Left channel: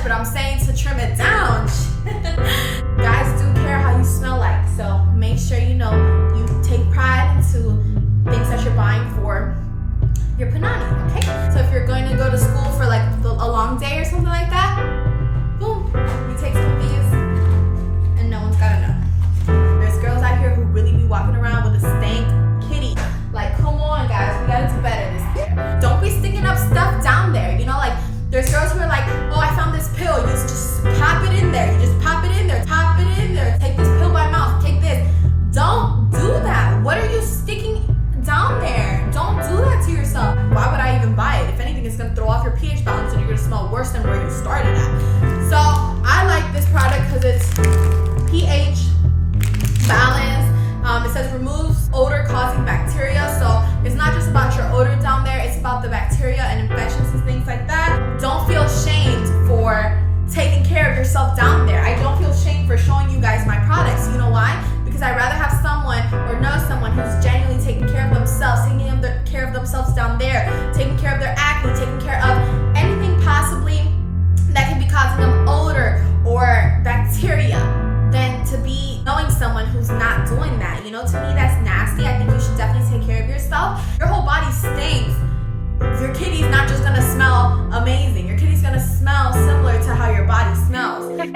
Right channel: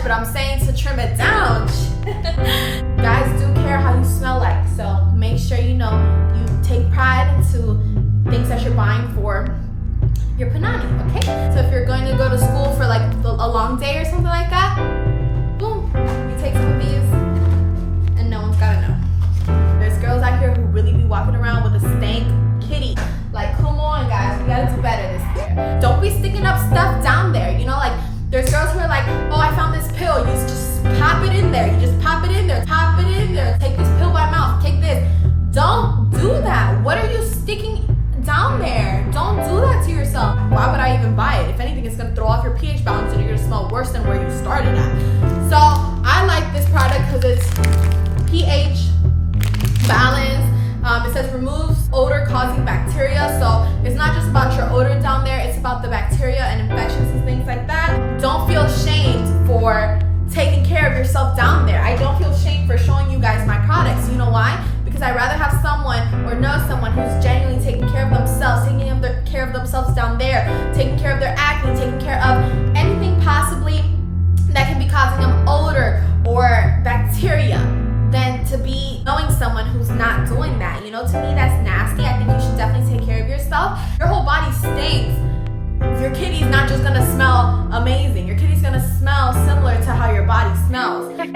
much, but I'm saying to trim it down. Guys do care how you smell like, so make sure you know you take pride into things that you're buying for your panani, okay? So if you're going to go to school for like a long day or something like that, boom, you take some of these and no one's gotta know. There's girls out here who really be walking around with a stank kitty. Like, come on guys, we gotta do better this year. Don't be sticking up stuff down there, you know, like there's girls who are like, oh, I found this pill, you just pop it in there, you just pop it in there, pop it in there, take this pill by mouth, take this. Don't do that. What are you sticking down there? Don't do that to yourself. Why would I even buy it? If anything, it's gonna throw off your pH balance and you're gonna smell worse than where you started at. So I like this product because it's pH balance. It says removes odor causing bacteria. So it's not just about your odor down there, it's about the bacteria and infections and things like that. Don't feel shamed for taking care of yourself down there. I don't feel shame for showing you guys my products. You know why? Because I'd rather have someone or know someone who's genuinely taking care of themselves, taking care of themselves down there, taking care of their acne, taking care of anything possibly that can be causing them odor or bacteria, than to be knowing someone who's not doing that. You know, to me that's nasty. I think you should definitely take care of yourself. Your whole body stinks. Your kitty's not just gonna smell amazing. Your kitty's gonna smell similar to how your body smells. This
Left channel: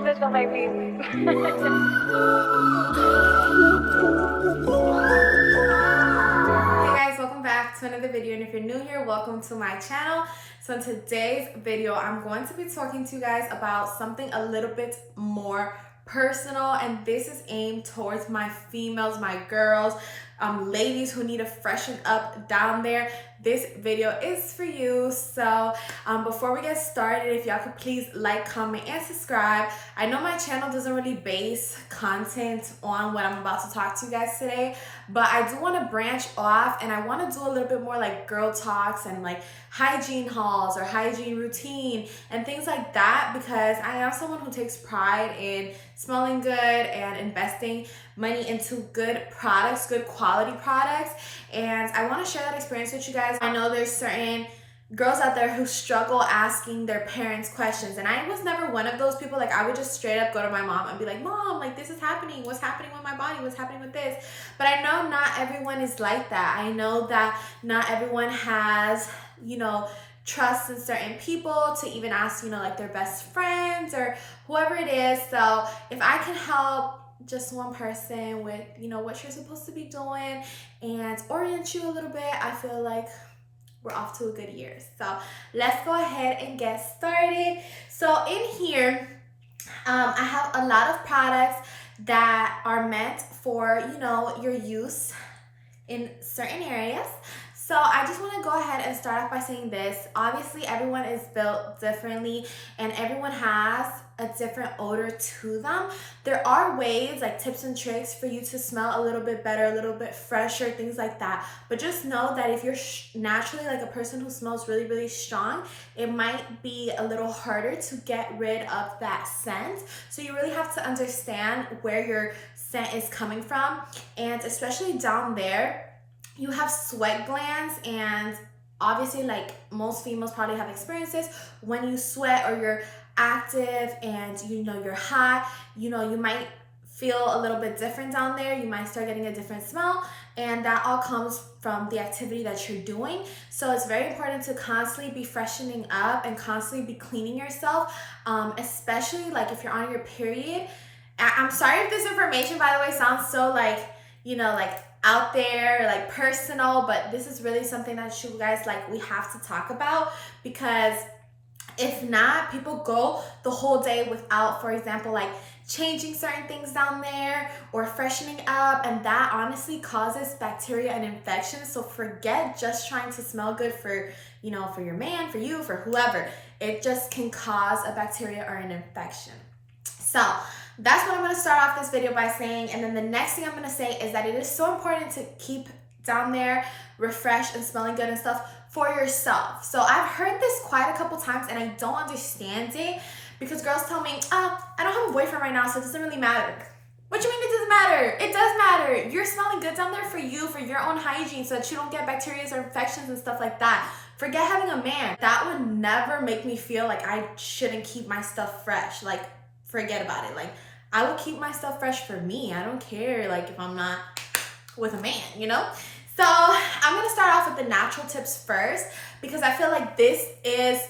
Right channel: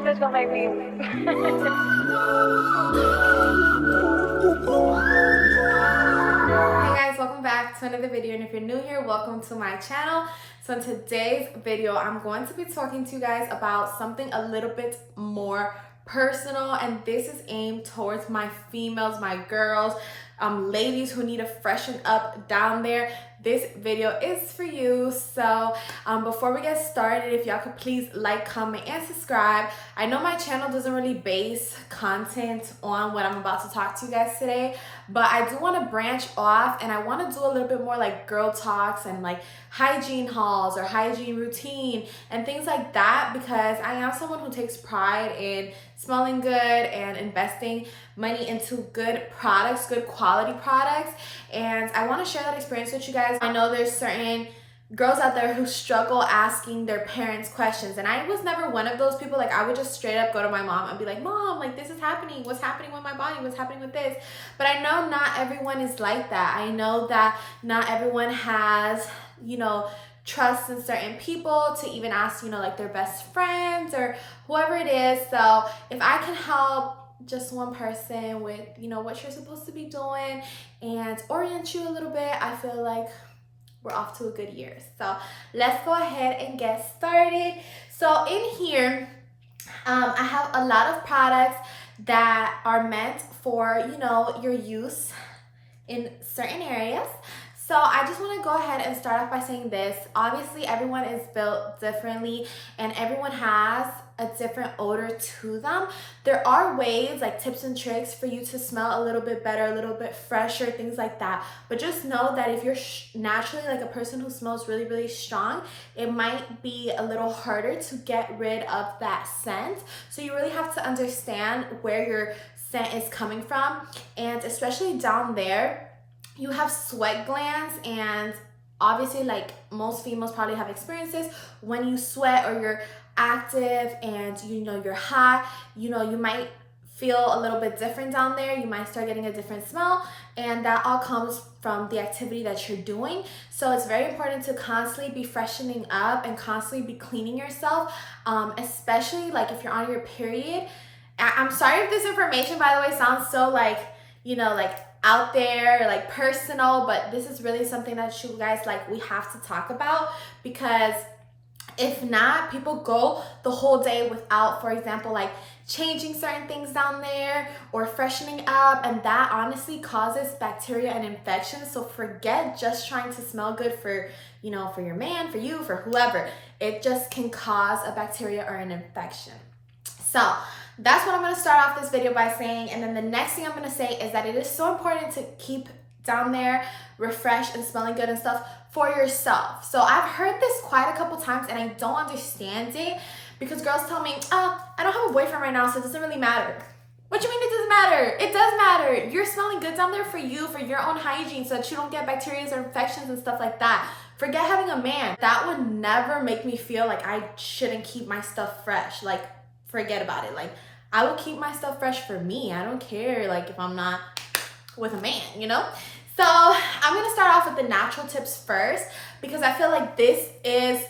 bitch gonna make me. Hey guys, welcome back to another video, and if you're new here, welcome to my channel. So in today's video, I'm going to be talking to you guys about something a little bit more personal, and this is aimed towards my females, my girls, ladies who need to freshen up down there. This video is for you. So before we get started, if y'all could please like, comment, and subscribe. I know my channel doesn't really base content on what I'm about to talk to you guys today, but I do want to branch off and I want to do a little bit more like girl talks and like hygiene hauls or hygiene routine and things like that, because I am someone who takes pride in smelling good and investing money into good products, good quality products, and I want to share that experience with you guys. I know there's certain girls out there who struggle asking their parents questions, and I was never one of those people. Like, I would just straight up go to my mom and be like, Mom, like, this is happening, what's happening with my body, what's happening with this? But I know not everyone is like that. I know that not everyone has, you know, trust in certain people to even ask, you know, like their best friends or whoever it is. So if I can help just one person with, you know, what you're supposed to be doing and orient you a little bit, I feel like we're off to a good year. So let's go ahead and get started. So in here, I have a lot of products that are meant for, you know, your use in certain areas. So I just want to go ahead and start off by saying this. Obviously, everyone is built differently and everyone has a different odor to them. There are ways, like tips and tricks for you to smell a little bit better, a little bit fresher, things like that. But just know that if you're naturally like a person who smells really, really strong, it might be a little harder to get rid of that scent. So you really have to understand where your scent is coming from. And especially down there, you have sweat glands, and obviously like most females probably have experiences when you sweat or you're active and you know you're hot, you know, you might feel a little bit different down there. You might start getting a different smell, and that all comes from the activity that you're doing. So it's very important to constantly be freshening up and constantly be cleaning yourself, especially like if you're on your period. I'm sorry if this information, by the way, sounds so like, you know, like out there, like personal, but this is really something that you guys, like, we have to talk about, because if not, people go the whole day without, for example, like changing certain things down there or freshening up, and that honestly causes bacteria and infections. So forget just trying to smell good for, you know, for your man, for you, for whoever. It just can cause a bacteria or an infection. So that's what I'm going to start off this video by saying. And then the next thing I'm going to say is that it is so important to keep down there refreshed and smelling good and stuff for yourself. So I've heard this quite a couple times and I don't understand it, because girls tell me, oh, I don't have a boyfriend right now, so it doesn't really matter. What do you mean it doesn't matter? It does matter. You're smelling good down there for you, for your own hygiene, so that you don't get bacteria or infections and stuff like that. Forget having a man. That would never make me feel like I shouldn't keep my stuff fresh. Like, forget about it. Like, I will keep my stuff fresh for me. I don't care, like, if I'm not with a man, you know? So I'm gonna start off with the natural tips first, because I feel like this is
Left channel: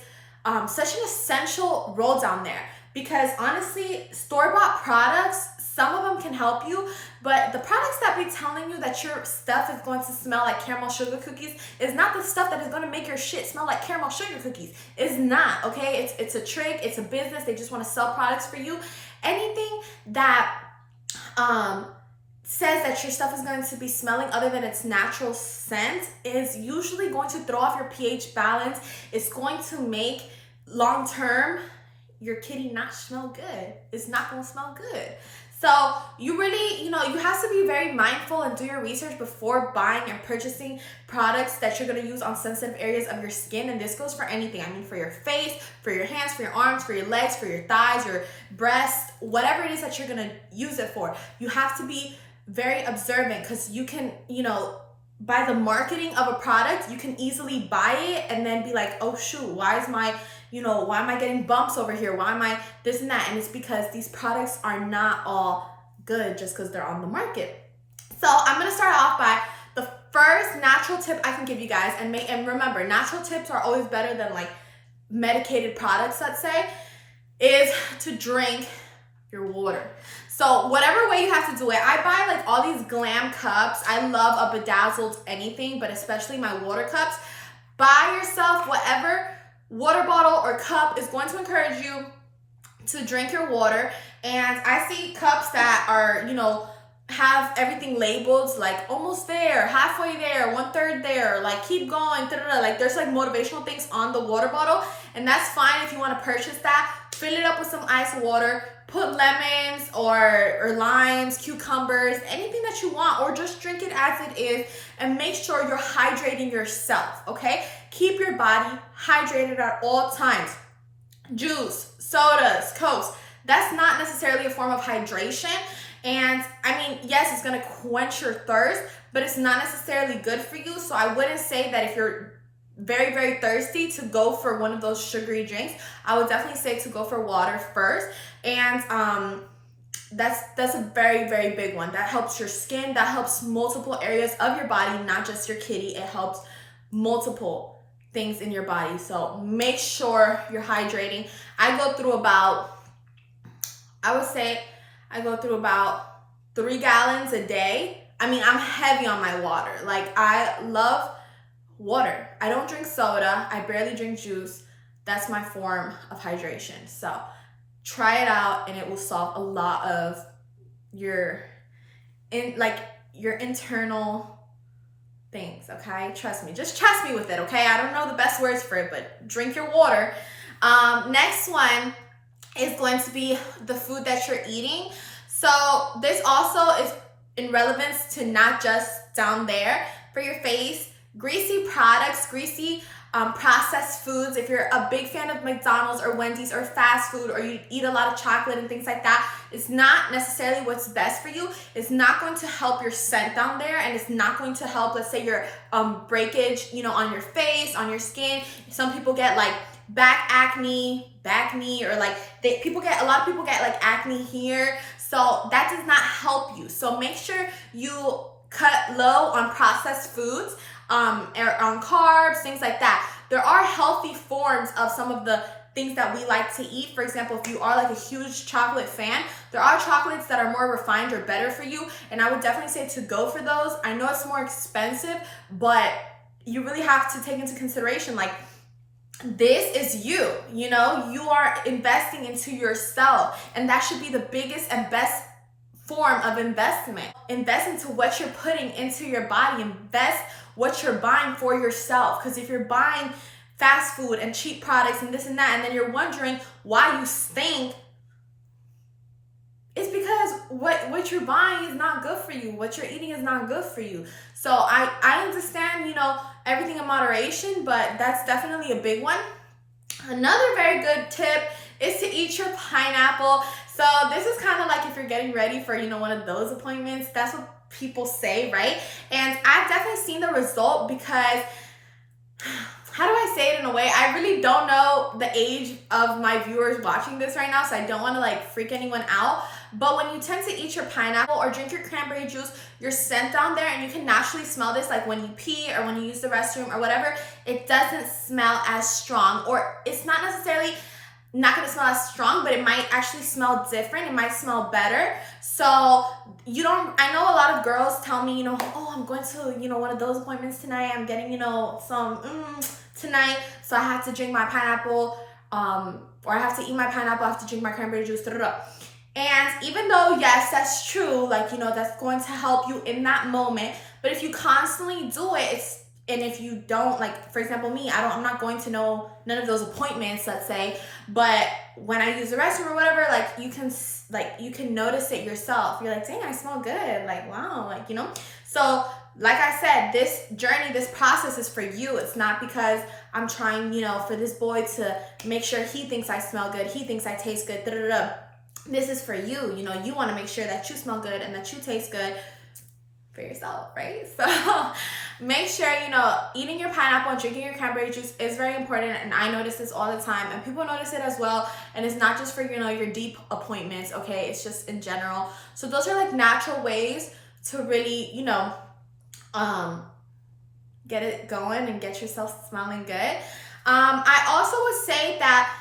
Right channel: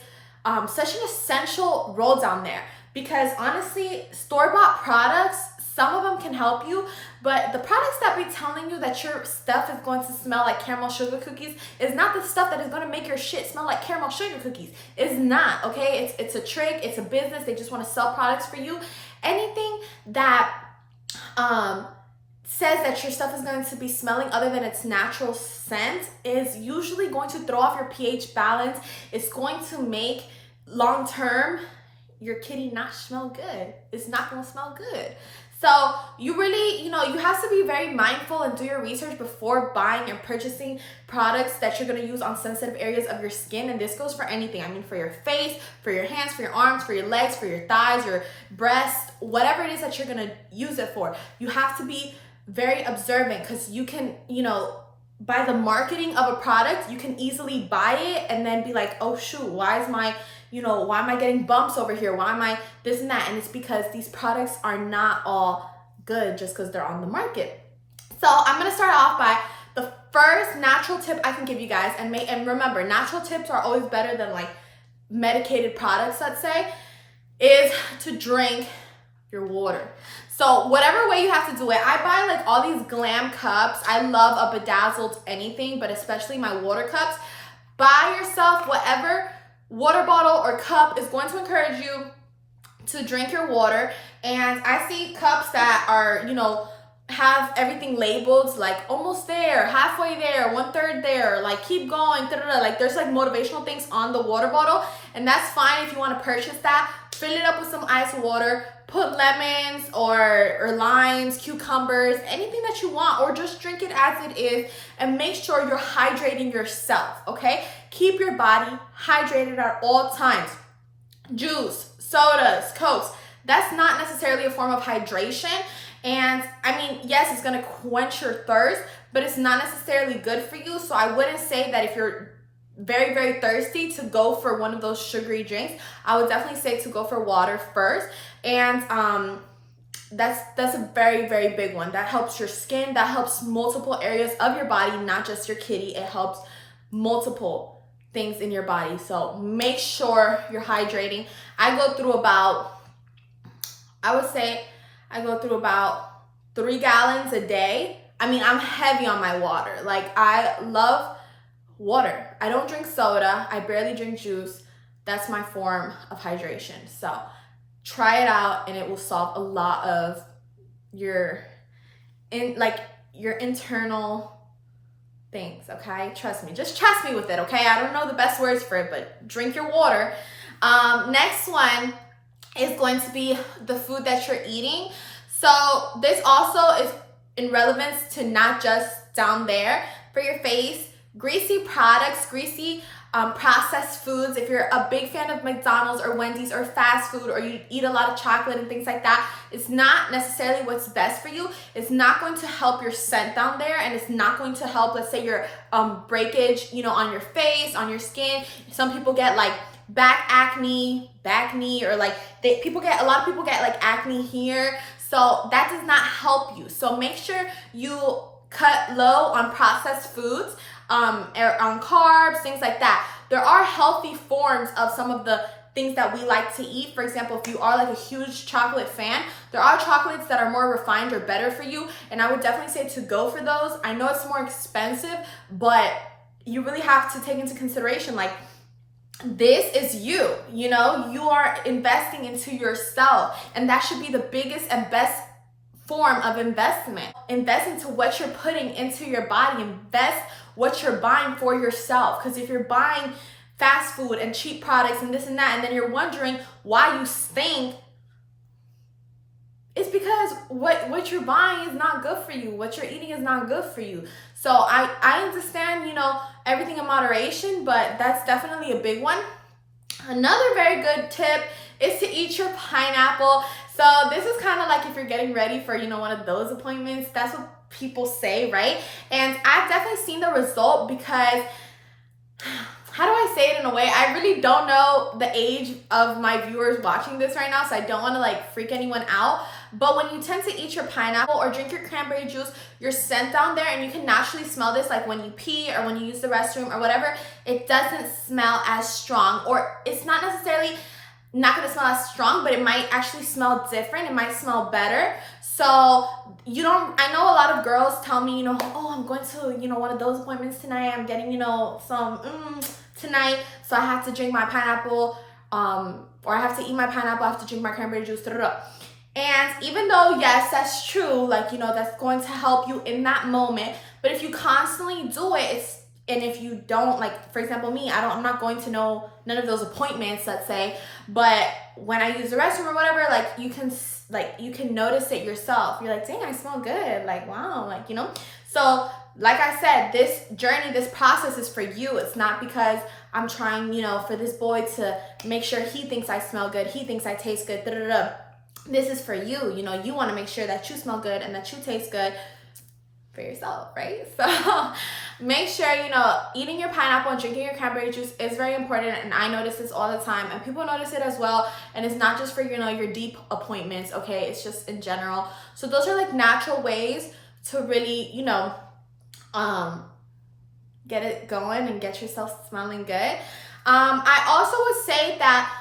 such an essential roll down there. Because honestly, store-bought products, some of them can help you, but the products that be telling you that your stuff is going to smell like caramel sugar cookies is not the stuff that is going to make your shit smell like caramel sugar cookies. It's not, okay? It's a trick, it's a business, they just want to sell products for you. Anything that says that your stuff is going to be smelling other than its natural scent is usually going to throw off your pH balance. It's going to make long-term your kitty not smell good. It's not going to smell good. So you really, you have to be very mindful and do your research before buying and purchasing products that you're going to use on sensitive areas of your skin. And this goes for anything. I mean, for your face, for your hands, for your arms, for your legs, for your thighs, your breasts, whatever it is that you're going to use it for. You have to be very observant, because you can, by the marketing of a product, you can easily buy it and then be like, oh shoot, why am I getting bumps over here? Why am I this and that? And it's because these products are not all good just because they're on the market. So I'm gonna start off by the first natural tip I can give you guys, and remember, natural tips are always better than like medicated products, let's say, is to drink your water. So whatever way you have to do it, I buy like all these glam cups. I love a bedazzled anything, but especially my water cups. Buy yourself whatever water bottle or cup is going to encourage you to drink your water. And I see cups that are, have everything labeled, like almost there, halfway there, 1/3 there, like keep going, like there's like motivational things on the water bottle, and that's fine if you want to purchase that. Fill it up with some ice water, put lemons or limes, cucumbers, anything that you want, or just drink it as it is, and make sure you're hydrating yourself, okay? Keep your body hydrated at all times. Juice, sodas, Cokes, that's not necessarily a form of hydration. And I mean, yes, it's gonna quench your thirst, but it's not necessarily good for you. So I wouldn't say that if you're very, very thirsty to go for one of those sugary drinks. I would definitely say to go for water first. And that's a very, very big one. That helps your skin, that helps multiple areas of your body, not just your kitty. It helps multiple things in your body. So make sure you're hydrating. I go through about 3 gallons a day. I mean, I'm heavy on my water. Like, I love water. I don't drink soda. I barely drink juice. That's my form of hydration. So try it out, and it will solve a lot of your internal things, okay? Trust me. Just trust me with it, okay? I don't know the best words for it, but drink your water. Next one is going to be the food that you're eating. So this also is in relevance to not just down there for your face. Greasy products, greasy processed foods. If you're a big fan of McDonald's or Wendy's or fast food, or you eat a lot of chocolate and things like that, it's not necessarily what's best for you. It's not going to help your scent down there, and it's not going to help, let's say, your breakage, on your face, on your skin. Some people get like back acne, or like a lot of people get like acne here. So that does not help you. So make sure you cut low on processed foods, or on carbs, things like that. There are healthy forms of some of the things that we like to eat. For example, if you are like a huge chocolate fan, there are chocolates that are more refined or better for you, and I would definitely say to go for those. I know it's more expensive, but you really have to take into consideration, like, this is you, you are investing into yourself, and that should be the biggest and best form of investment. Invest into what you're putting into your body. Invest what you're buying for yourself. Because if you're buying fast food and cheap products and this and that, and then you're wondering why you stink, it's because what you're buying is not good for you. What you're eating is not good for you. So I understand, everything in moderation, but that's definitely a big one. Another very good tip is to eat your pineapple. So this is kind of like if you're getting ready for, one of those appointments. That's what people say, right? And I've definitely seen the result, because how do I say it in a way? I really don't know the age of my viewers watching this right now, so I don't want to like freak anyone out. But when you tend to eat your pineapple or drink your cranberry juice, your scent down there, and you can naturally smell this like when you pee or when you use the restroom or whatever, it doesn't smell as strong, or it's not necessarily not gonna smell as strong, but it might actually smell different. It might smell better. So you don't, I know a lot of girls tell me, you know, oh, I'm going to, you know, one of those appointments tonight. I'm getting, you know, some tonight. So I have to drink my pineapple, or I have to eat my pineapple, I have to drink my cranberry juice, da, da, da. And even though, yes, that's true, like, you know, that's going to help you in that moment. But if you constantly do it, and if you don't, like, for example, me, I'm not going to know none of those appointments, let's say, but when I use the restroom or whatever, like, you can notice it yourself. You're like, dang, I smell good. Like, wow, like, you know? So, like I said, this journey, this process is for you. It's not because I'm trying, you know, for this boy to make sure he thinks I smell good, he thinks I taste good, da, da, da. This is for you. You know, you want to make sure that you smell good and that you taste good for yourself, right? So make sure, you know, eating your pineapple and drinking your cranberry juice is very important, and I notice this all the time, and people notice it as well. And it's not just for, you know, your deep appointments, okay? It's just in general. So those are like natural ways to really, you know, get it going and get yourself smelling good. I also would say that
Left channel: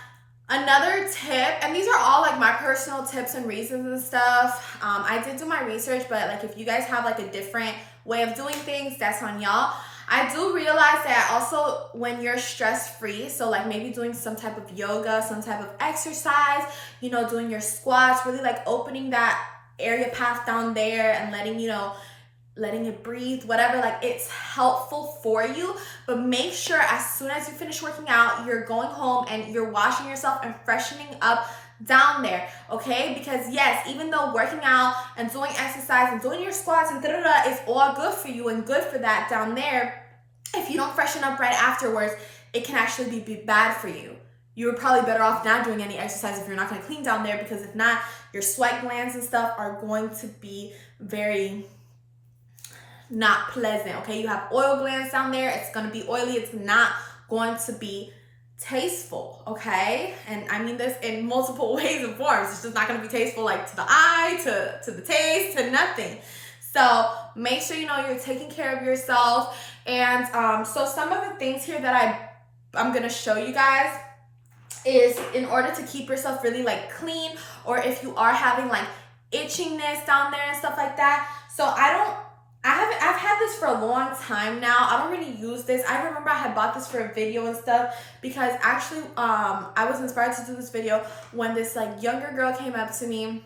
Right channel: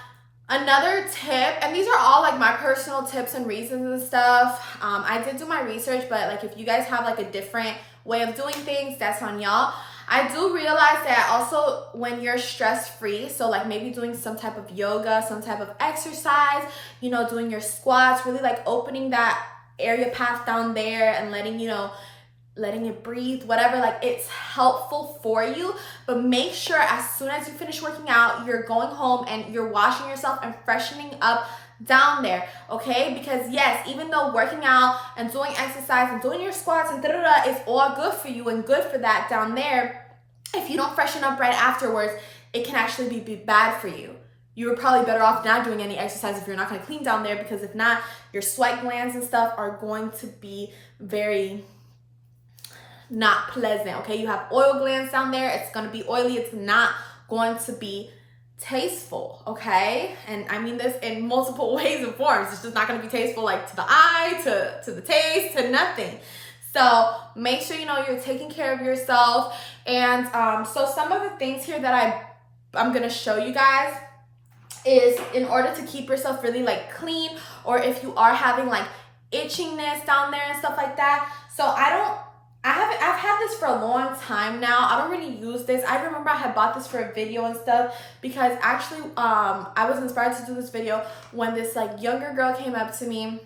another tip, and these are all like my personal tips and reasons and stuff. I did do my research, but like if you guys have like a different way of doing things, that's on y'all. I do realize that also when you're stress-free, so like maybe doing some type of yoga, some type of exercise, you know, doing your squats, really like opening that area path down there and letting, you know, letting it breathe, whatever, like it's helpful for you. But make sure as soon as you finish working out, you're going home and you're washing yourself and freshening up down there, okay? Because yes, even though working out and doing exercise and doing your squats and da-da-da is all good for you and good for that down there, if you don't freshen up right afterwards, it can actually be bad for you. You're probably better off not doing any exercise if you're not going to clean down there, because if not, your sweat glands and stuff are going to be very not pleasant, okay? You have oil glands down there. It's going to be oily. It's not going to be tasteful, okay? And I mean this in multiple ways and forms. It's just not going to be tasteful, like to the eye, to the taste, to nothing. So make sure, you know, you're taking care of yourself. And so some of the things here that I'm going to show you guys is in order to keep yourself really like clean, or if you are having like itchiness down there and stuff like that. So I've had this for a long time now. I don't really use this. I remember I had bought this for a video and stuff, because actually I was inspired to do this video when this like younger girl came up to me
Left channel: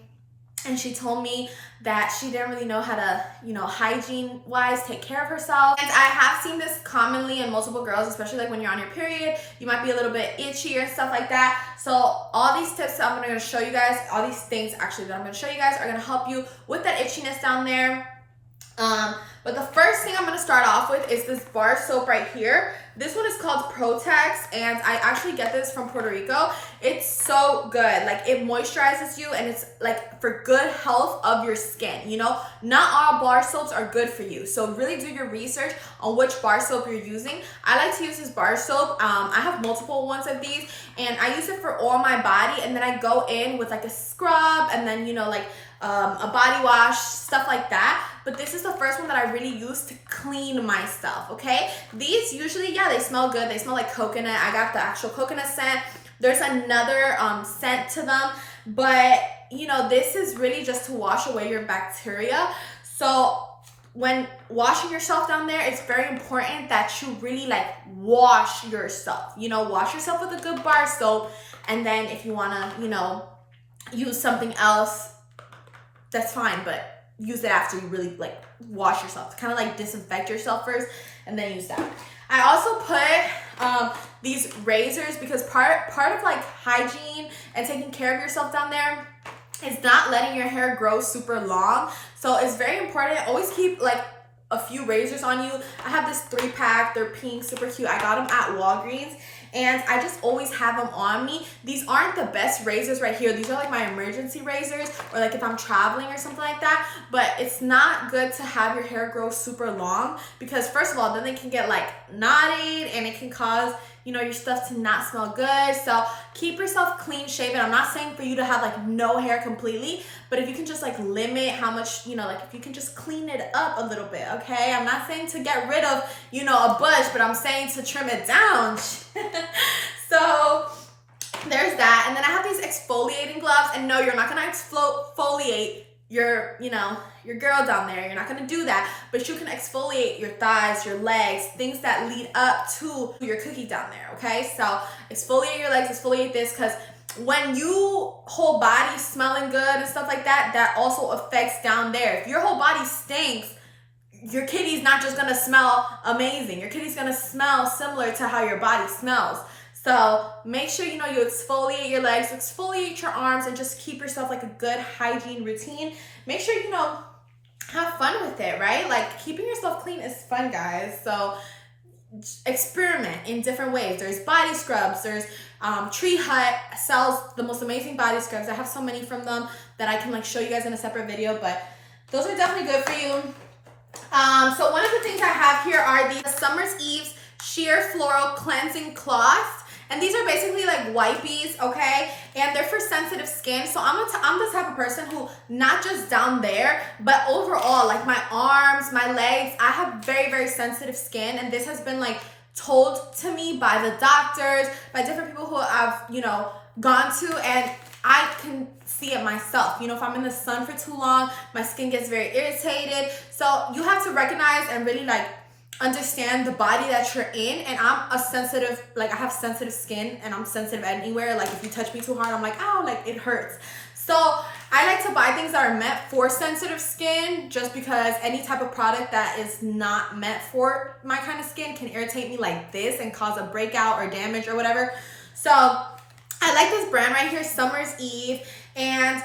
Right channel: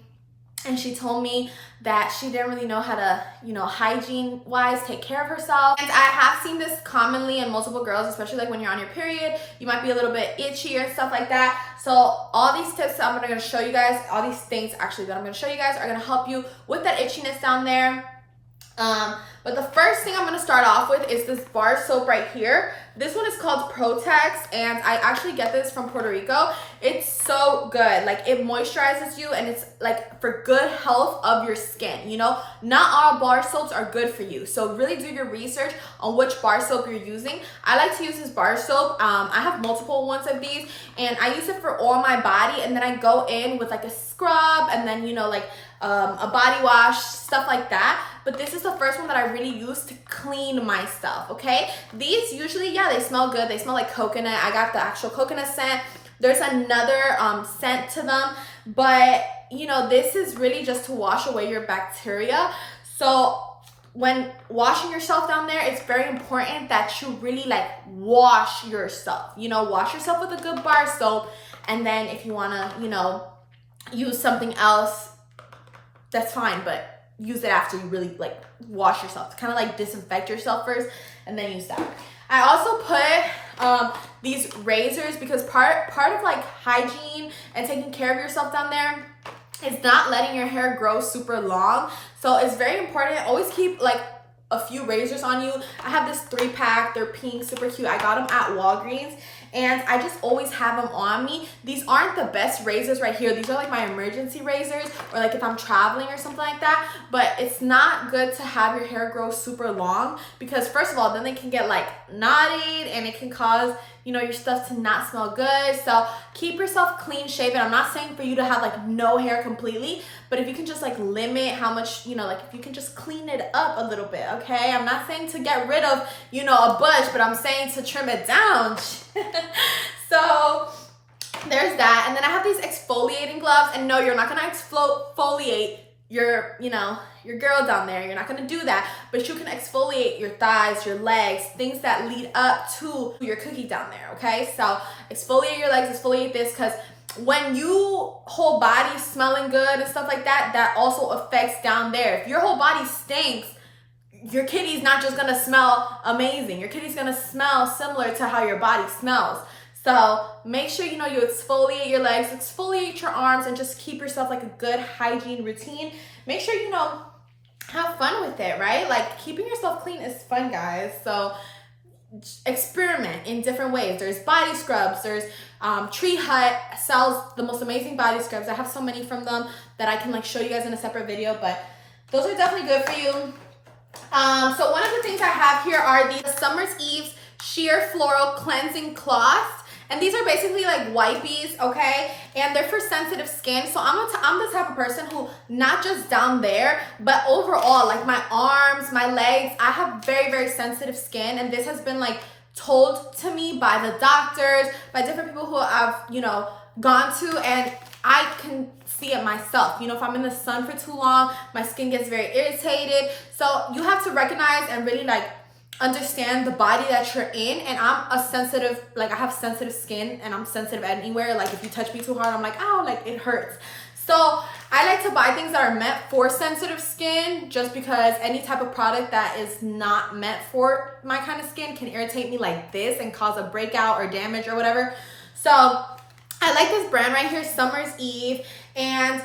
and she told me that she didn't really know how to, you know, hygiene wise take care of herself. And I have seen this commonly in multiple girls, especially like when you're on your period, you might be a little bit itchy or stuff like that. So all these tips that I'm going to show you guys, all these things actually that I'm going to show you guys are going to help you with that itchiness down there. But the first thing I'm going to start off with is this bar soap right here. This one is called Protex, and I actually get this from Puerto Rico. It's so good. Like, it moisturizes you, and it's like for good health of your skin. You know, not all bar soaps are good for you, so really do your research on which bar soap you're using. I like to use this bar soap. I have multiple ones of these, and I use it for all my body, and then I go in with like a scrub, and then, you know, like a body wash, stuff like that. But this is the first one that I really use to clean myself, okay? These usually, yeah, they smell good. They smell like coconut. I got the actual coconut scent. There's another scent to them. But, you know, this is really just to wash away your bacteria. So when washing yourself down there, it's very important that you really like wash yourself. You know, wash yourself with a good bar soap. And then if you want to, you know, use something else, that's fine, but use it after you really like wash yourself to kind of like disinfect yourself first, and then use that. I also put these razors, because part of like hygiene and taking care of yourself down there is not letting your hair grow super long. So it's very important. Always keep like a few razors on you. I have this 3-pack. They're pink, super cute. I got them at Walgreens. and I just always have them on me. These aren't the best razors right here. These are like my emergency razors, or like if I'm traveling or something like that. But it's not good to have your hair grow super long, because first of all, then they can get like knotted and it can cause, you know, your stuff to not smell good. So keep yourself clean shaven. I'm not saying for you to have like no hair completely, but if you can just like limit how much, you know, like if you can just clean it up a little bit, okay? I'm not saying to get rid of, you know, a bush, but I'm saying to trim it down. So there's that. And then I have these exfoliating gloves, and no, you're not gonna exfoliate your, you know, your girl down there. You're not gonna do that, but you can exfoliate your thighs, your legs, things that lead up to your cookie down there, okay? So exfoliate your legs, exfoliate this, because when you whole body smelling good and stuff like that, that also affects down there. If your whole body stinks, your kitty's not just gonna smell amazing. Your kitty's gonna smell similar to how your body smells. So make sure, you know, you exfoliate your legs, exfoliate your arms, and just keep yourself like a good hygiene routine. Make sure, you know, have fun with it, right? Like keeping yourself clean is fun, guys. So experiment in different ways. There's body scrubs. There's Tree Hut sells the most amazing body scrubs. I have so many from them that I can like show you guys in a separate video, but those are definitely good for you. So one of the things I have here are the Summer's Eve's Sheer Floral Cleansing Cloths. And these are basically like wipies, okay? And they're for sensitive skin. So I'm the type of person who, not just down there, but overall, like my arms, my legs, I have very, very sensitive skin. And this has been like told to me by the doctors, by different people who I've, you know, gone to, and I can see it myself. You know, if I'm in the sun for too long, my skin gets very irritated. So you have to recognize and really like understand the body that you're in. And I'm a sensitive, like I have sensitive skin, and I'm sensitive anywhere. Like if you touch me too hard, I'm like, oh, like it hurts. So I like to buy things that are meant for sensitive skin, just because any type of product that is not meant for my kind of skin can irritate me like this and cause a breakout or damage or whatever. So I like this brand right here, Summer's Eve. And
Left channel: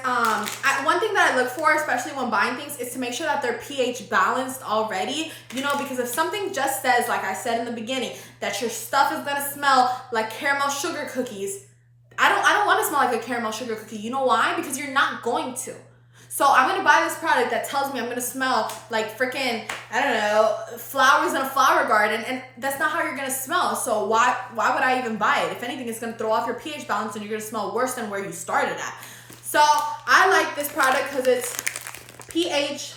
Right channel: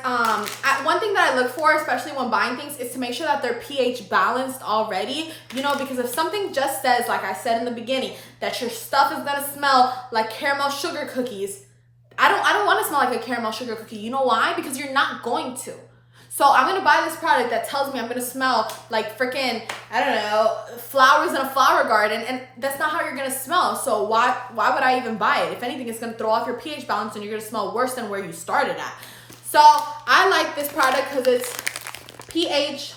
one thing that I look for, especially when buying things, is to make sure that they're pH balanced already, you know, because if something just says, like I said in the beginning, that your stuff is gonna smell like caramel sugar cookies, I don't want to smell like a caramel sugar cookie. You know why? Because you're not going to. So I'm gonna buy this product that tells me I'm gonna smell like freaking, I don't know, flowers in a flower garden, and that's not how you're gonna smell. So why would I even buy it? If anything, it's gonna throw off your pH balance, and you're gonna smell worse than where you started at. So I like this product because it's pH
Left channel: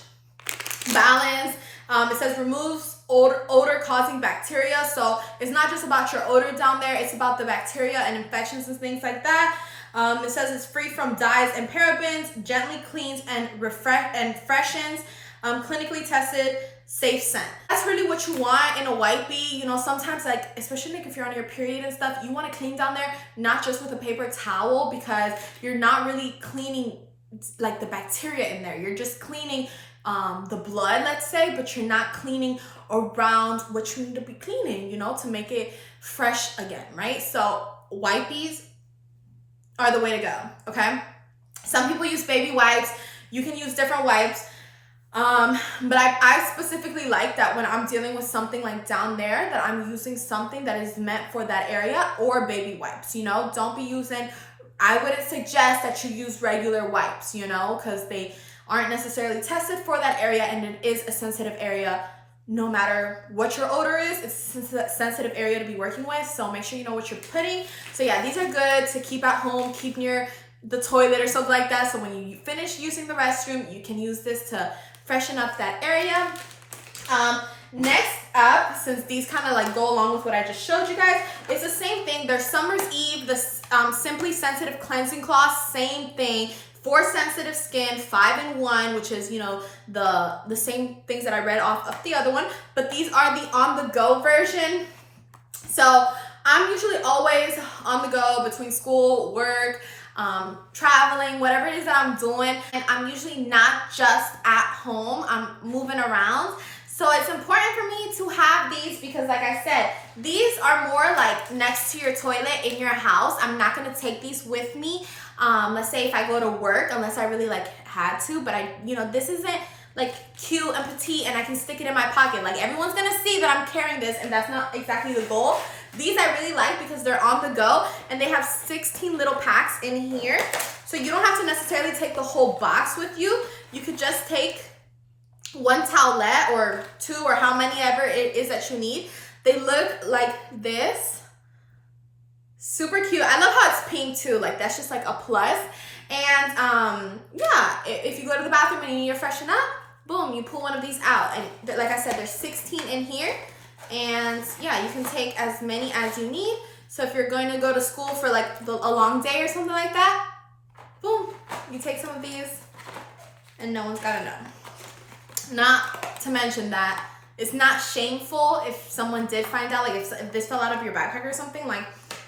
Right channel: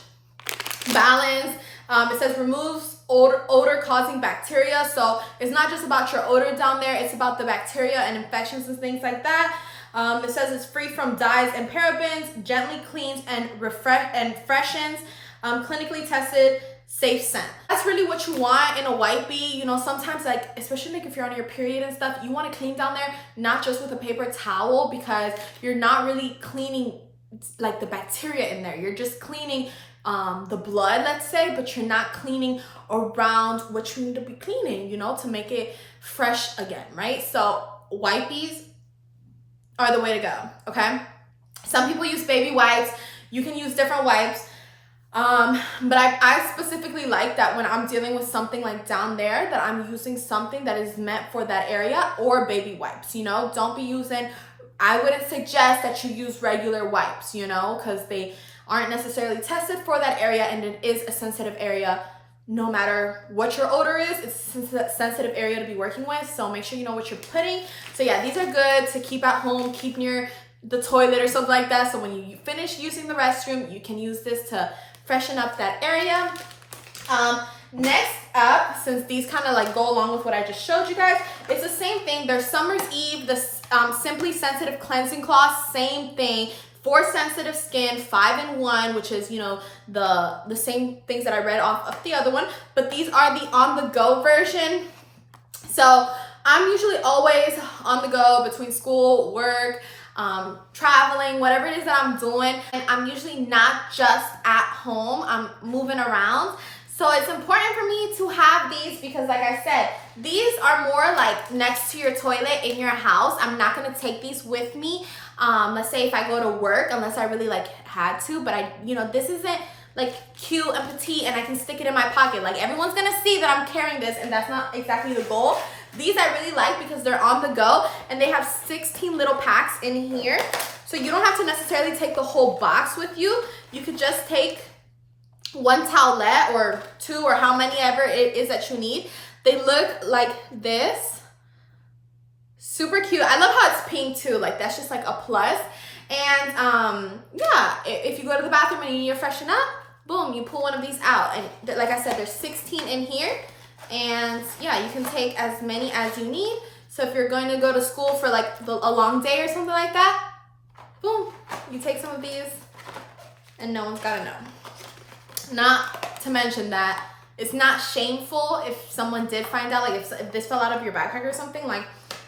balanced. It says removes odor causing bacteria. So it's not just about your odor down there, it's about the bacteria and infections and things like that. It says it's free from dyes and parabens, gently cleans and freshens, clinically tested, safe scent. That's really what you want in a wipey. You know, sometimes like, especially like if you're on your period and stuff, you want to clean down there, not just with a paper towel, because you're not really cleaning like the bacteria in there. You're just cleaning the blood, let's say, but you're not cleaning around what you need to be cleaning, you know, to make it fresh again, right? So wipies are the way to go, okay? Some people use baby wipes. You can use different wipes. But I specifically like that when I'm dealing with something like down there, that I'm using something that is meant for that area, or baby wipes, you know? Don't be using, I wouldn't suggest that you use regular wipes, you know, because they aren't necessarily tested for that area, and it is a sensitive area. No matter what your odor is, it's a sensitive area to be working with. So make sure you know what you're putting. So yeah, these are good to keep at home, keep near the toilet or something like that. So when you finish using the restroom, you can use this to freshen up that area. Next up, since these kind of like go along with what I just showed you guys, it's the same thing. There's Summer's Eve, the Simply Sensitive Cleansing Cloth, same thing. For sensitive skin, 5-in-1, which is, you know, the same things that I read off of the other one, but these are the on-the-go version. So I'm usually always on the go between school, work, traveling, whatever it is that I'm doing, and I'm usually not just at home, I'm moving around. So it's important for me to have these because, like I said, these are more like next to your toilet in your house. I'm not gonna take these with me. Let's say if I go to work, unless I really like had to, but you know, this isn't like cute and petite and I can stick it in my pocket. Like everyone's gonna see that I'm carrying this, and that's not exactly the goal. These I really like because they're on the go and they have 16 little packs in here. So you don't have to necessarily take the whole box with you. You could just take one towelette or two or how many ever it is that you need. They look like this. Super cute. I love how it's pink too. Like that's just like a plus. And yeah, if you go to the bathroom and you need to freshen up, boom, you pull one of these out. And like I said, there's 16 in here. And yeah, you can take as many as you need. So if you're going to go to school for like a long day or something like that, boom, you take some of these and no one's gotta know. Not to mention that it's not shameful if someone did find out, like if this fell out of your backpack or something, like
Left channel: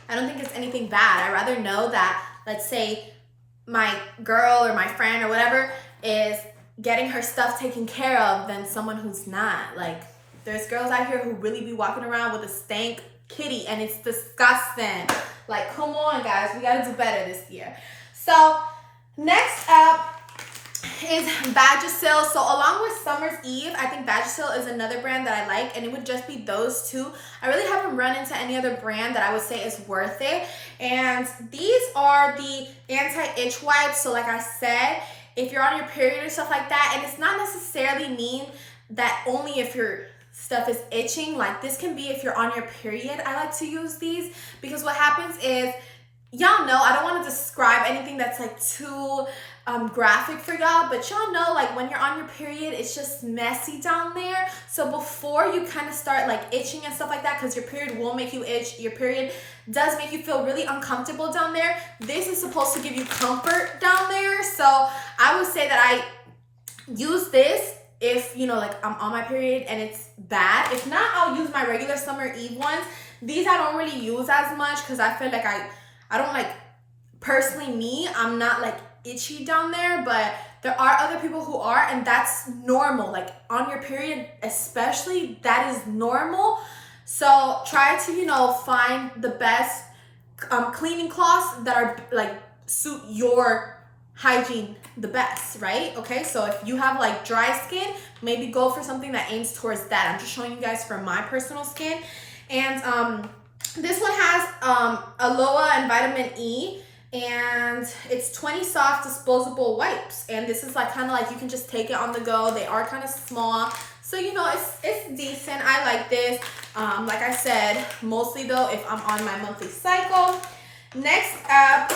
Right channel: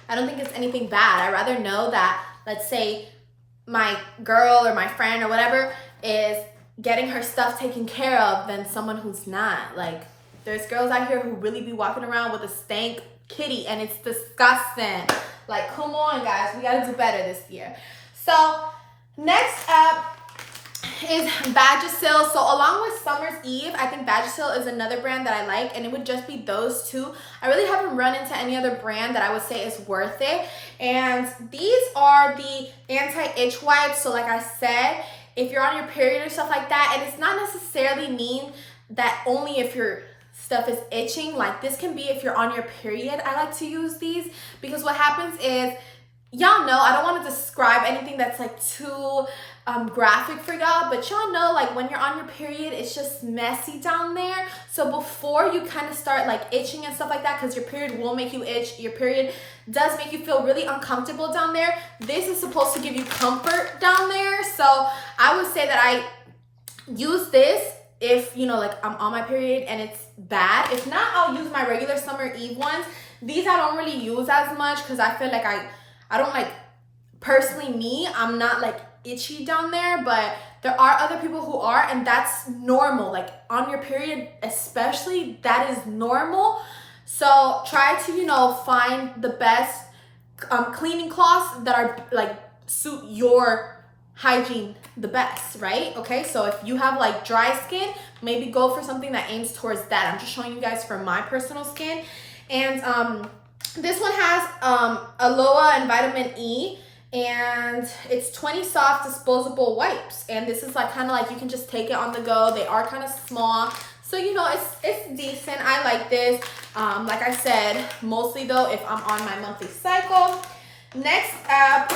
I don't think it's anything bad. I'd rather know that, let's say my girl or my friend or whatever is getting her stuff taken care of than someone who's not. Like there's girls out here who really be walking around with a stank kitty and it's disgusting. Like come on guys, we gotta do better this year. So next up is Vagisil. So along with Summer's Eve, I think Vagisil is another brand that I like, and it would just be those two. I really haven't run into any other brand that I would say is worth it. And these are the anti-itch wipes. So like I said, if you're on your period or stuff like that, and it's not necessarily mean that only if your stuff is itching, like this can be if you're on your period. I like to use these because what happens is, y'all know, I don't want to describe anything that's like too graphic for y'all, but y'all know like when you're on your period, it's just messy down there. So before you kind of start like itching and stuff like that, because your period will make you itch, your period does make you feel really uncomfortable down there. This is supposed to give you comfort down there. So I would say that I use this if, you know, like I'm on my period and it's bad. If not, I'll use my regular Summer Eve ones. These I don't really use as much because I feel like I don't like, personally me, I'm not like itchy down there, but there are other people who are, and that's normal. Like on your period especially, that is normal. So try to, you know, find the best cleaning cloths that are like suit your hygiene the best, right? Okay, so if you have like dry skin, maybe go for something that aims towards that. I'm just showing you guys from my personal skin. And this one has aloe and vitamin E, and it's 20 soft disposable wipes, and this is like kind of like you can just take it on the go. They are kind of small, so you know it's decent. I like this. Like I said, mostly though if I'm on my monthly cycle. Next up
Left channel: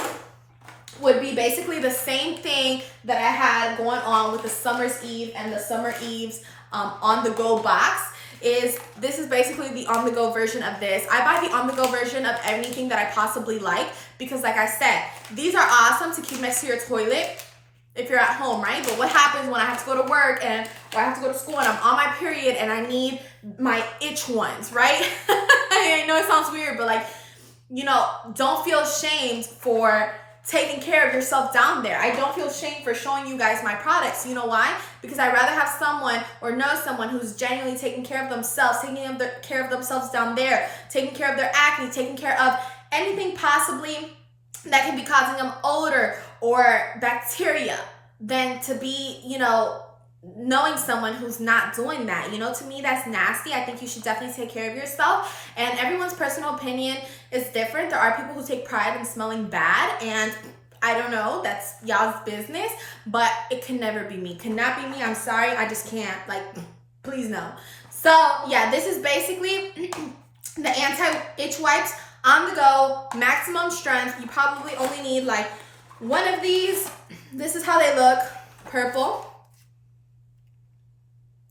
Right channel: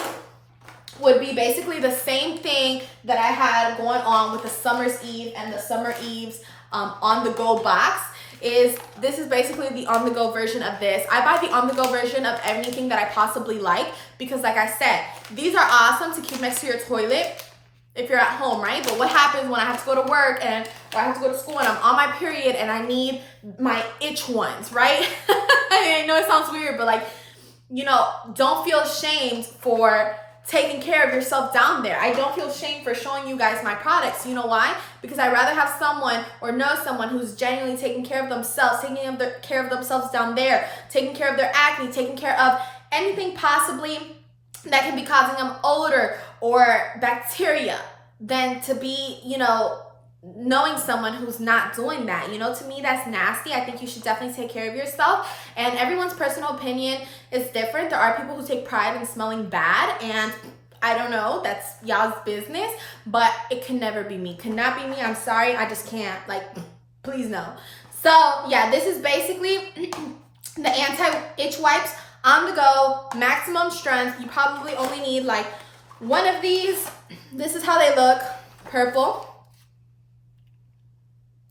would be basically the same thing that I had going on with the Summer's Eve and the Summer Eve's on the go box. This is basically the on the go version of this. I buy the on the go version of anything that I possibly like because like I said, these are awesome to keep next to your toilet if you're at home, right? But what happens when I have to go to work or I have to go to school and I'm on my period and I need my itch ones, right? I know it sounds weird, but like, you know, don't feel ashamed for taking care of yourself down there. I don't feel shame for showing you guys my products. You know why? Because I'd rather have someone or know someone who's genuinely taking care of themselves, taking care of themselves down there, taking care of their acne, taking care of anything possibly that can be causing them odor or bacteria, than to be, you know, knowing someone who's not doing that. You know, to me, that's nasty. I think you should definitely take care of yourself. And everyone's personal opinion is different. There are people who take pride in smelling bad, and I don't know, that's y'all's business, but it can never be me. Cannot be me. I'm sorry. I just can't. Like, please no. So yeah, this is basically the anti-itch wipes on the go, maximum strength. You probably only need like one of these. This is how they look, purple.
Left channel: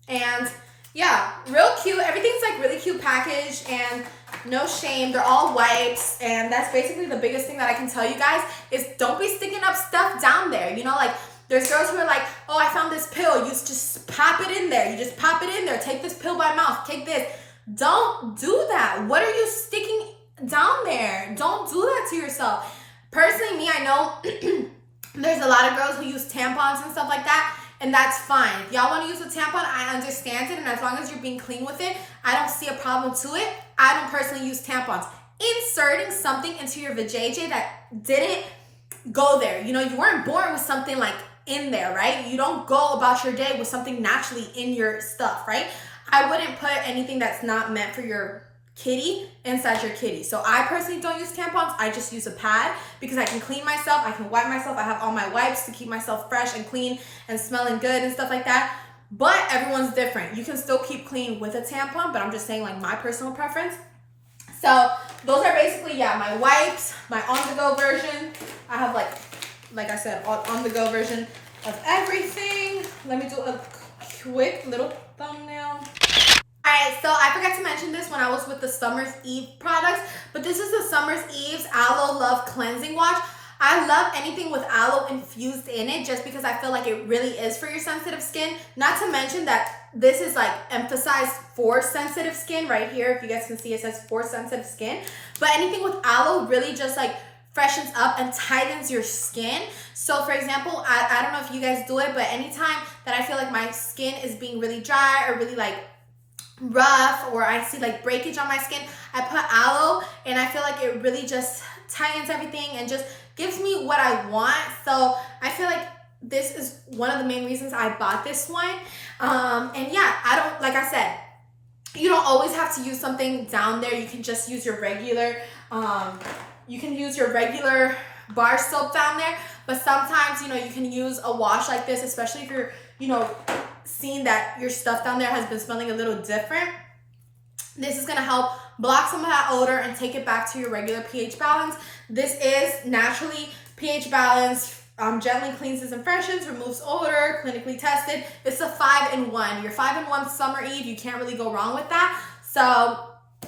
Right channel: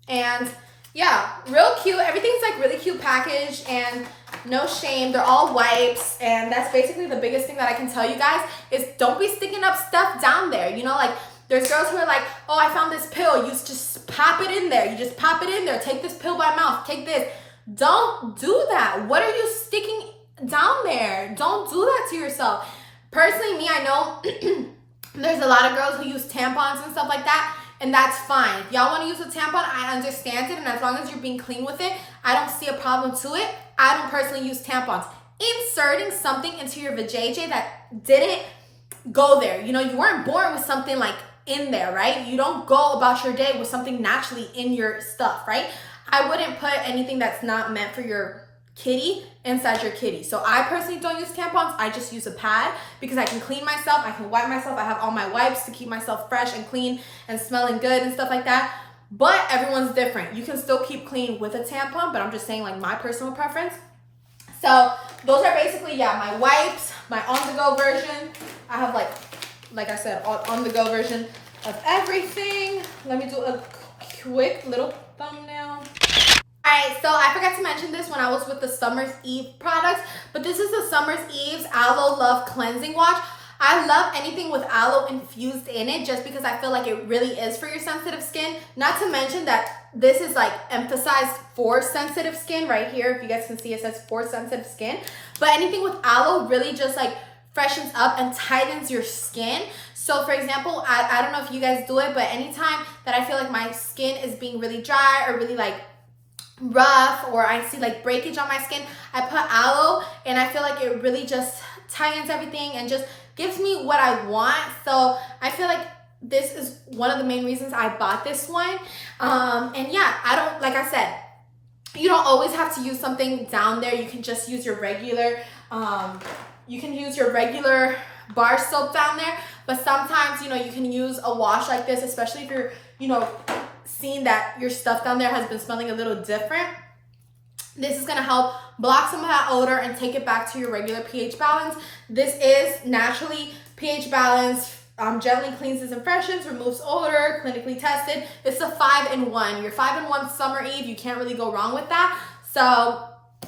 And yeah, real cute. Everything's like really cute packaged and no shame. They're all wipes, and that's basically the biggest thing that I can tell you guys is don't be sticking up stuff down there. You know, like there's girls who are like, oh, I found this pill. You just pop it in there. You just pop it in there. Take this pill by mouth. Take this. Don't do that. What are you sticking down there? Don't do that to yourself. Personally, me, I know there's a lot of girls who use tampons and stuff like that. And that's fine. If y'all want to use a tampon, I understand it. And as long as you're being clean with it, I don't see a problem to it. I don't personally use tampons. Inserting something into your vajayjay that didn't go there. You know, you weren't born with something like in there, right? You don't go about your day with something naturally in your stuff, right? I wouldn't put anything that's not meant for your kitty inside your kitty. So I personally don't use tampons. I just use a pad because I can clean myself. I can wipe myself. I have all my wipes to keep myself fresh and clean and smelling good and stuff like that. But everyone's different. You can still keep clean with a tampon, but I'm just saying like my personal preference. So those are basically, yeah, my wipes, my on-the-go version. I have like I said, on-the-go version of everything. Let me do a quick little thumbnail. All right, so I forgot to mention this when I was with the Summer's Eve products, but this is the Summer's Eve's Aloe Love Cleansing Wash. I love anything with aloe infused in it just because I feel like it really is for your sensitive skin. Not to mention that this is like emphasized for sensitive skin right here. If you guys can see, it says for sensitive skin. But anything with aloe really just like freshens up and tightens your skin. So for example, I don't know if you guys do it, but anytime that I feel like my skin is being really dry or really like rough, or I see like breakage on my skin, I put aloe and I feel like it really just tightens everything and just gives me what I want. So I feel like this is one of the main reasons I bought this one. And yeah, I don't, like I said, you don't always have to use something down there. You can just use your regular, bar soap down there. But sometimes, you know, you can use a wash like this, especially if you're, you know, seeing that your stuff down there has been smelling a little different. This is gonna help block some of that odor and take it back to your regular pH balance. This is naturally pH balanced, gently cleanses and freshens, removes odor, clinically tested. It's a 5-in-1. Your 5-in-1 Summer Eve, you can't really go wrong with that. So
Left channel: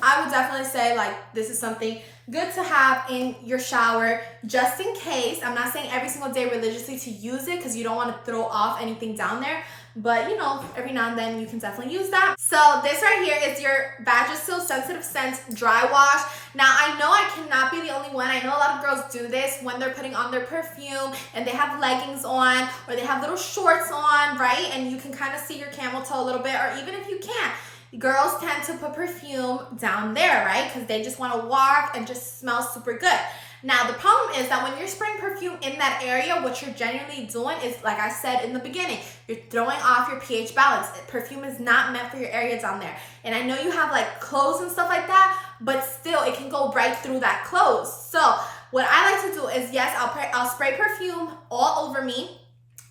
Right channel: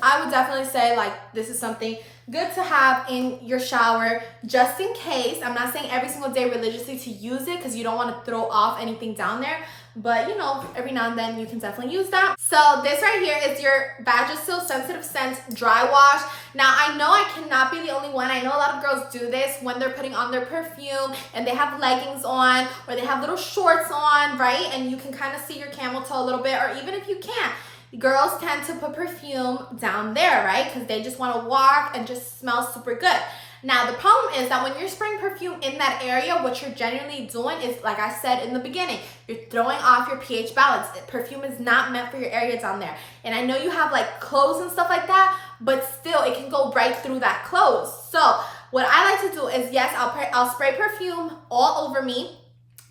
I would definitely say like this is something good to have in your shower just in case. I'm not saying every single day religiously to use it because you don't want to throw off anything down there. But you know, every now and then you can definitely use that. So this right here is your Vagisil Sensitive Scents Dry Wash. Now I know I cannot be the only one. I know a lot of girls do this when they're putting on their perfume and they have leggings on or they have little shorts on, right? And you can kind of see your camel toe a little bit, or even if you can't, girls tend to put perfume down there, right? Because they just want to walk and just smell super good. Now, the problem is that when you're spraying perfume in that area, what you're genuinely doing is, like I said in the beginning, you're throwing off your pH balance. Perfume is not meant for your area down there. And I know you have like clothes and stuff like that, but still it can go right through that clothes. So what I like to do is, yes, I'll spray perfume all over me.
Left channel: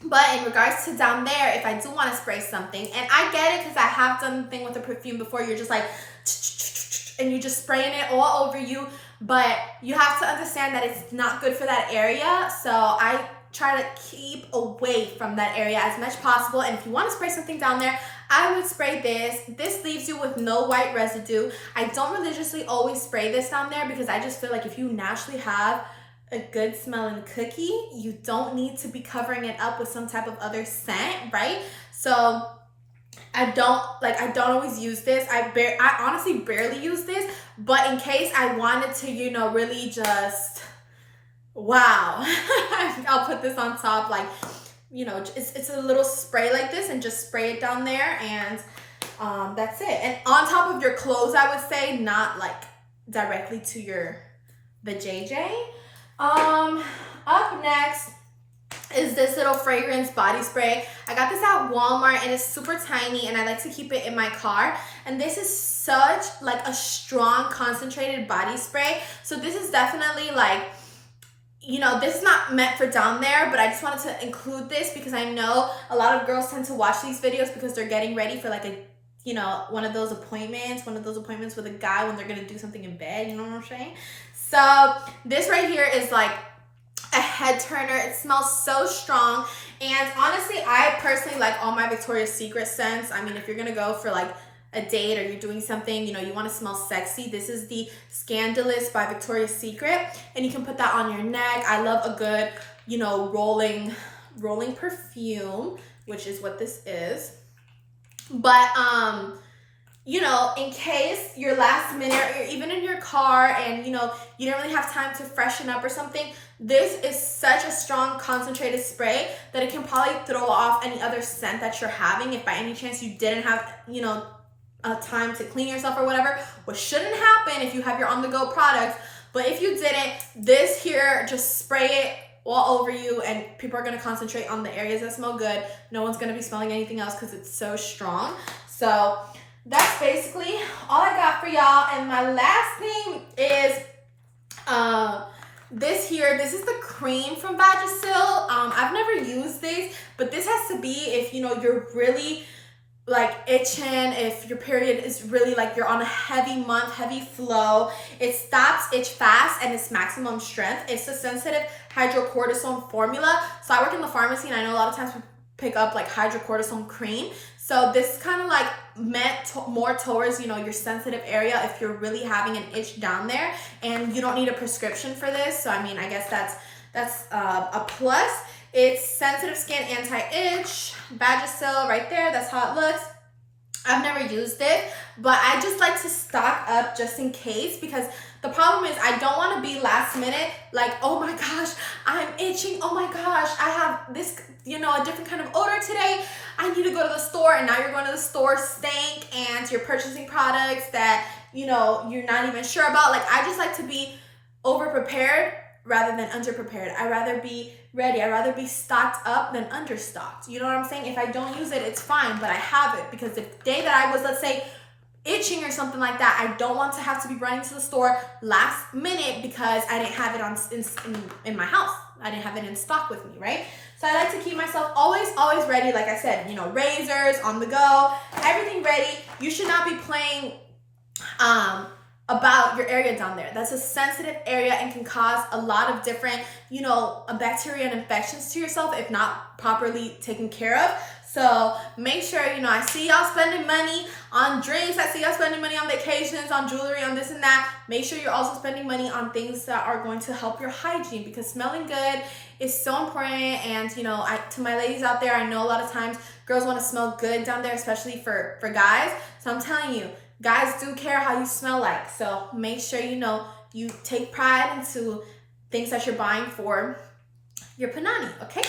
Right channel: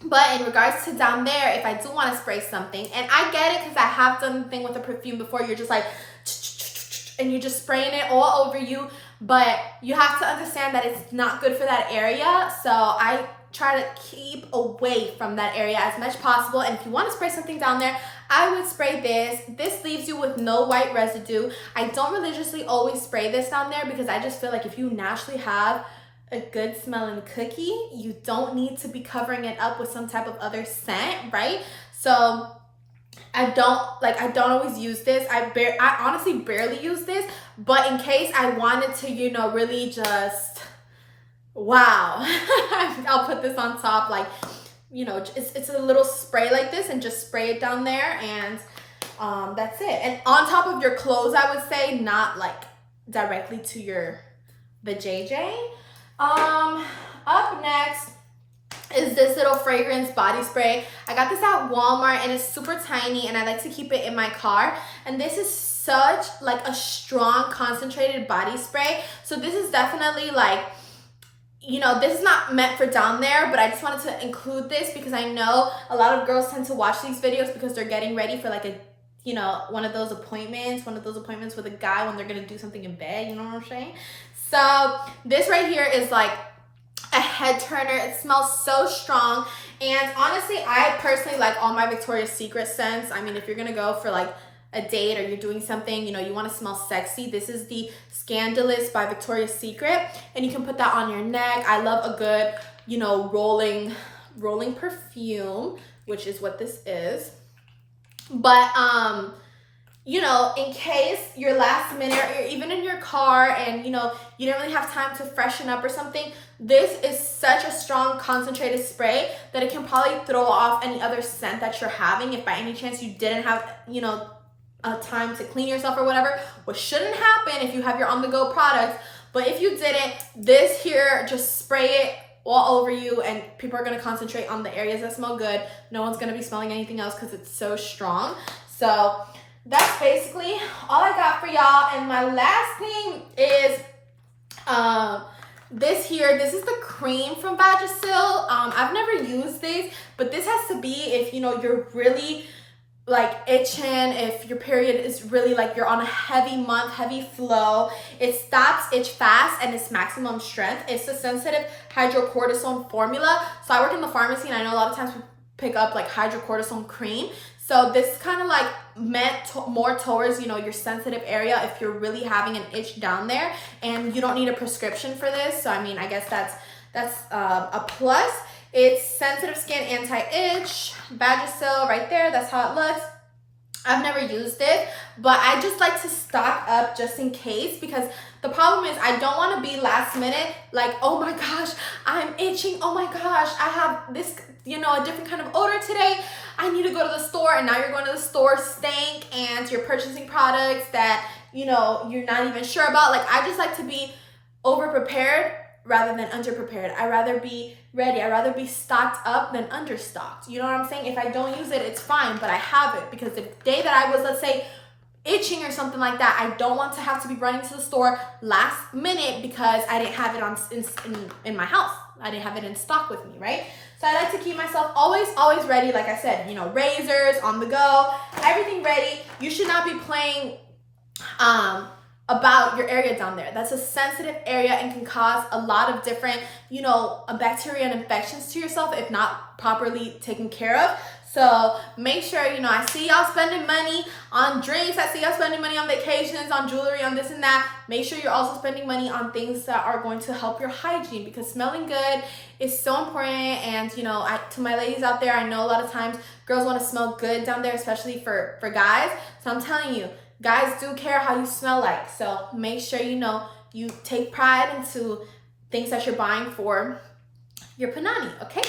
But in regards to down there, if I do want to spray something, and I get it because I have done the thing with the perfume before, you're just like, and you're just spraying it all over you. But you have to understand that it's not good for that area. So I try to keep away from that area as much as possible. And if you want to spray something down there, I would spray this. This leaves you with no white residue. I don't religiously always spray this down there because I just feel like if you naturally have a good smelling cookie, you don't need to be covering it up with some type of other scent, right? So I don't always use this. I honestly barely use this, but in case I wanted to, you know, really just, wow, I'll put this on top, like, you know, it's a little spray like this and just spray it down there, and that's it. And on top of your clothes, I would say, not like directly to the JJ. Up next is this little fragrance body spray. I got this at Walmart and it's super tiny and I like to keep it in my car. And this is such like a strong concentrated body spray. So this is definitely like, you know, this is not meant for down there, but I just wanted to include this because I know a lot of girls tend to watch these videos because they're getting ready for like a, you know, one of those appointments with a guy when they're gonna do something in bed, you know what I'm saying? So this right here is like a head turner. It smells so strong, and honestly I personally like all my Victoria's Secret scents. I mean, if you're gonna go for like a date or you're doing something, you know, you want to smell sexy, this is the Scandalous by Victoria's Secret, and you can put that on your neck. I love a good, you know, rolling perfume, which is what this is. But you know, in case you're last minute or you're even in your car and, you know, you don't really have time to freshen up or something, this is such a strong concentrated spray that it can probably throw off any other scent that you're having if by any chance you didn't have, you know, time to clean yourself or whatever, which shouldn't happen if you have your on-the-go products. But if you didn't, this here, just spray it all over you and people are going to concentrate on the areas that smell good. No one's going to be smelling anything else because it's so strong. So that's basically all I got for y'all. And my last thing is this here. This is the cream from Vagisil. I've never used this, but this has to be if you know you're really like itching, if your period is really like you're on a heavy month, heavy flow. It stops itch fast and it's maximum strength. It's the sensitive hydrocortisone formula. So I work in the pharmacy and I know a lot of times we pick up like hydrocortisone cream. So this is kind of like meant more towards, you know, your sensitive area if you're really having an itch down there, and you don't need a prescription for this. So I mean, I guess that's a plus. It's sensitive skin, anti-itch, Vagisil right there. That's how it looks. I've never used it, but I just like to stock up just in case, because the problem is I don't want to be last minute like, oh my gosh, I'm itching. Oh my gosh, I have this, you know, a different kind of odor today. I need to go to the store, and now you're going to the store stank and you're purchasing products that, you know, you're not even sure about. Like, I just like to be over prepared rather than underprepared. I'd rather be ready. I'd rather be stocked up than understocked. You know what I'm saying? If I don't use it, it's fine, but I have it, because the day that I was, let's say, itching or something like that, I don't want to have to be running to the store last minute because I didn't have it in my house. I didn't have it in stock with me, right? So I like to keep myself always ready. Like I said, you know, razors on the go, everything ready. You should not be playing about your area down there. That's a sensitive area and can cause a lot of different, you know, bacteria and infections to yourself if not properly taken care of. So make sure, you know, I see y'all spending money on drinks. I see y'all spending money on vacations, on jewelry, on this and that. Make sure you're also spending money on things that are going to help your hygiene, because smelling good is so important. And, you know, to my ladies out there, I know a lot of times girls want to smell good down there, especially for guys. So I'm telling you, guys do care how you smell like. So make sure, you know, you take pride into things that you're buying for your panani, okay?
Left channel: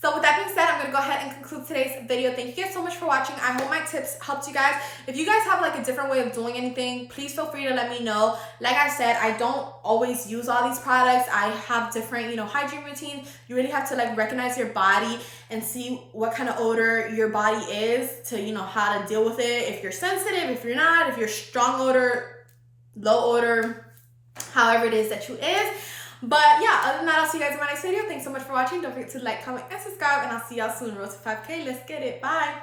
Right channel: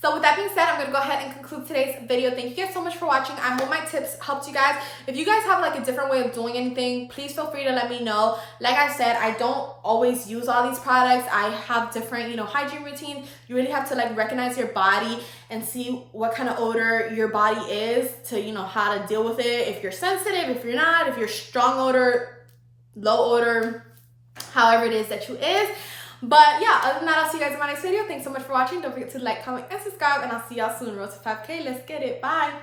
So with that being said, I'm going to go ahead and conclude today's video. Thank you guys so much for watching. I hope my tips helped you guys. If you guys have like a different way of doing anything, please feel free to let me know. Like I said, I don't always use all these products. I have different, you know, hygiene routines. You really have to like recognize your body and see what kind of odor your body is to, you know, how to deal with it. If you're sensitive, if you're not, if you're strong odor, low odor, however it is that you is. But yeah, other than that, I'll see you guys in my next video. Thanks so much for watching. Don't forget to like, comment, and subscribe, and I'll see y'all soon. Road to 5K. Let's get it. Bye.